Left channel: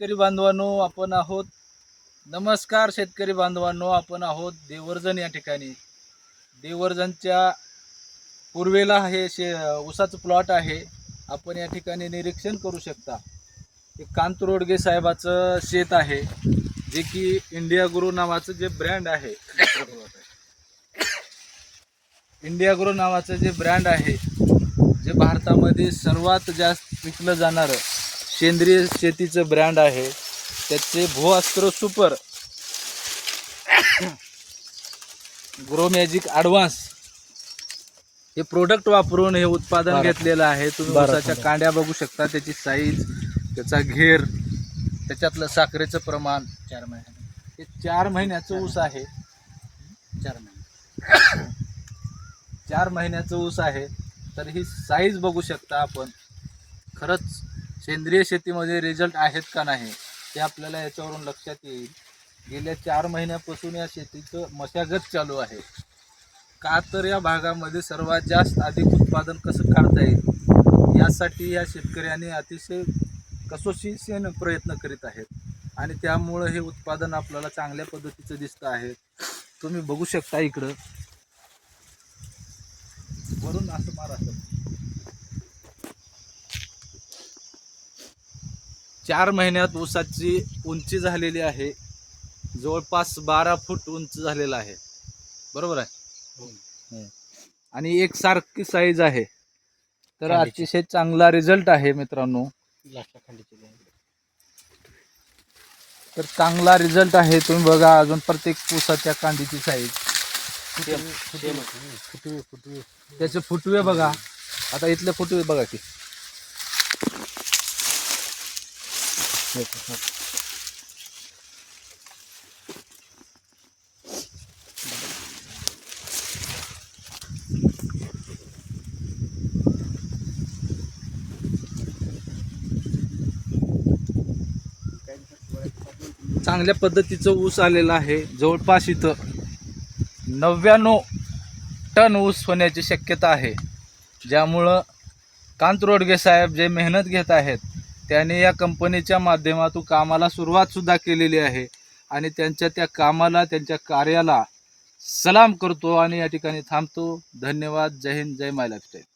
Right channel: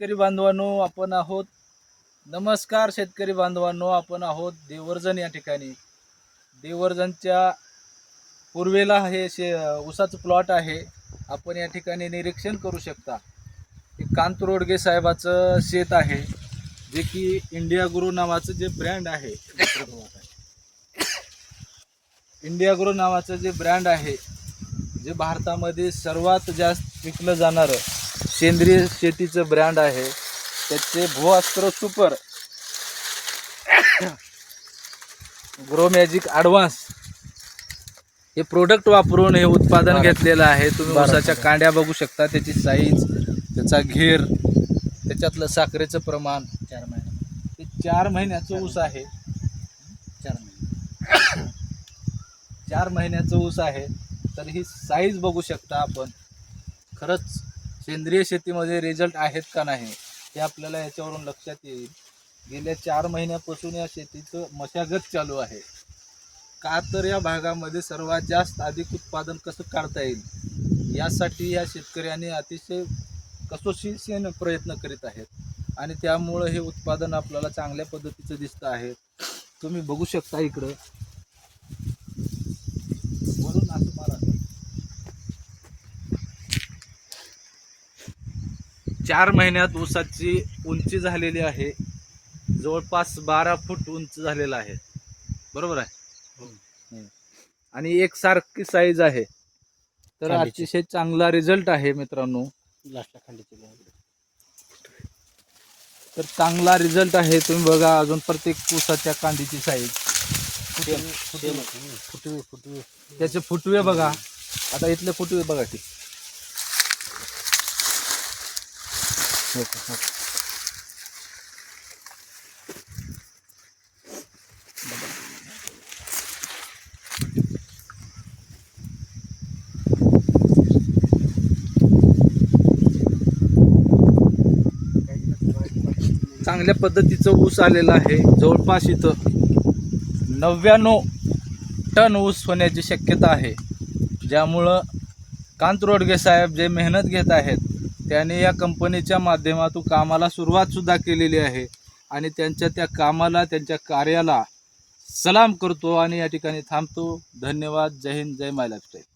शेतकरी बांधवांनो आपण आहोत. नमस्कार शेतकरी बांधवांनो आपण आहोत देवर्जन या ठिकाणी. देवर्जनच्या पूर्वेला हे शे ऊसाचं प्लॉट आहे. आपण या ठिकाणी निरीक्षण करू शकता. हे कांत रोडगे साहेबाचं शेत आहे जे की इंडिया गुरु नावाचं जे ब्रँड आहे. इंडिया गुरु नावाचं जे ब्रँड आहे जे भारतामध्ये सर्वात जास्त विकलं जाणारं सेंद्रिय शेतीचं ब्रँड आहे. त्याचे Bhuastra super grow magic advance हे प्रोडक्ट वापरून हे उत्पादन. घेतलेलं आहे. तुम्ही ऊसाच्या. कांड्या बघू शकता. त्याची साईज त्याचा घेर त्याच्यातलं साखरेचं प्रमाण. चार महिने. हे चार महिन्याचं ऊस आहे. चार महिने. चार महिन्याचं ऊस आहे. तर ही साईज बघू शकता आपण. खरंच सेंद्रिय शेतीमध्ये रिझल्ट आहेत का नाही ते आपल्याला याच्यावरून लक्षात येईल. गेल्या चार महिन्यापासून या शेतीचं मशागत चालू आहे. का तर या भागामध्ये सर्वात जास्त अधिक उत्पादन कसं काढता येईल? यासाठी या शेतकऱ्यांनी अतिशय कसोशीने प्रयत्न करीत आहेत. आणि त्यामुळं हे उत्पादन आपल्याला चांगल्या पद्धतीचं दिसतं आहे. तुम्ही बघू शकता इकडं. वरून असं मला चार महिन्यात ऊसाची उंची झालेली आहे. जवळपास बारा फूट उंच झालेला आहे. बरोबर आहे? हं. आणि एक सारखी साईज आहे. तर. अतिशय चांगला रिझल्ट आहे मित्रांनो. तर चांगला रिझल्ट आहे. तुम्ही बघा अजून प्रत्येक ऊसाच्या कांदीची साईज. फुटवे फुटवे. त्याचे फुटवे बघा. आता इथले फुटवे बघा की हो का? हो. चांगल्या पद्धतीचं ऊस आलेलं आहे. जवळपास इथं नव्याण्णव टन ऊस होण्याची शक्यता आहे. ज्यामुळं कांत रोडगे साहेब जे मेहनत घेत आहेत त्याने या कंपनीच्या माध्यमातून कामाला सुरुवातसुद्धा केलेली आहे. आणि त्यांच्या त्या कामाला त्यांच्या कार्याला सलाम करतो आणि या ठिकाणी थांबतो. धन्यवाद. जय हिंद. जय माय लाईफस्टाईल.